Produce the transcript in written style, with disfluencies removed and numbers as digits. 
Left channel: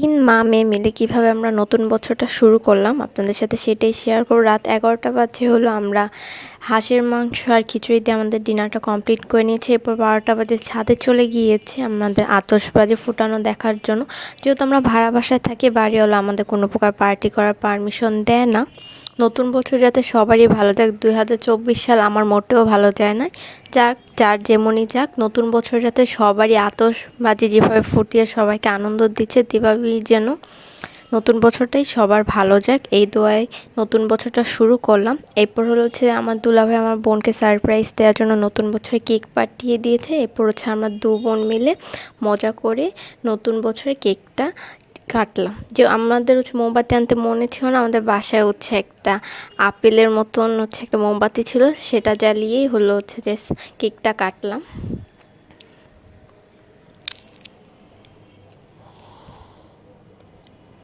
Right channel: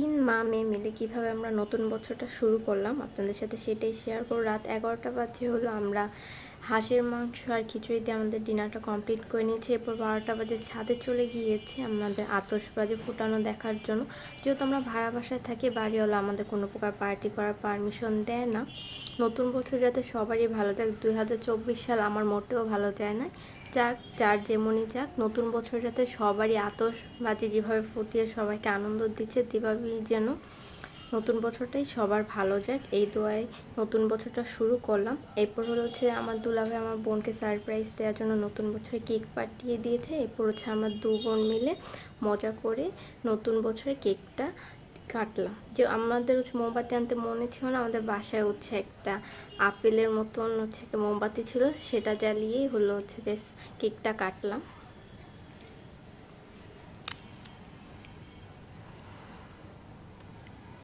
3 মা-মেয়ে মিলে কীভাবে আমরা নতুন বছরটা শুরু করলাম আপনাদের সাথে সেটাই শেয়ার করব। রাত 11টা বাজে হলো, আমরা হাঁসের মাংস আর খিচুড়ি দিয়ে আমাদের ডিনারটা কমপ্লিট করে নিয়েছি। এরপর 12টা বাজে ছাদে চলে গিয়েছি আমাদের আতশবাজি ফুটানো দেখার জন্য। যেহেতু আমরা ভাড়া বাসায় থাকি, বাড়িওয়ালা আমাদের কোনো প্রকার পার্টি করার পারমিশন দেয় না। নতুন বছর যাতে সবারই ভালো যাক, 2024 সাল আমার মোটেও ভালো যায় না। যাক, যার যেমনই যাক, নতুন বছর যাতে সবারই আতশবাজি যেভাবে ফুটিয়ে সবাইকে আনন্দ দিচ্ছে, দীপাবলি যেন নতুন বছরটাই সবার ভালো যাক, এই দোয়ায় নতুন বছরটা শুরু করলাম। এরপর হচ্ছে আমার দুলাভাই আমার বোনকে সারপ্রাইজ দেওয়ার জন্য নতুন বছরে কেক পাঠিয়ে দিয়েছে। এরপর হচ্ছে আমরা দু বোন মিলে মজা করে নতুন বছরে কেকটা কাটলাম। যে আমাদের হচ্ছে মোমবাতি আনতে মনে ছিল না, আমাদের বাসায় হচ্ছে একটা আপেলের মতন হচ্ছে একটা মোমবাতি ছিল, সেটা জ্বালিয়েই হচ্ছে যে কেকটা কাটলাম।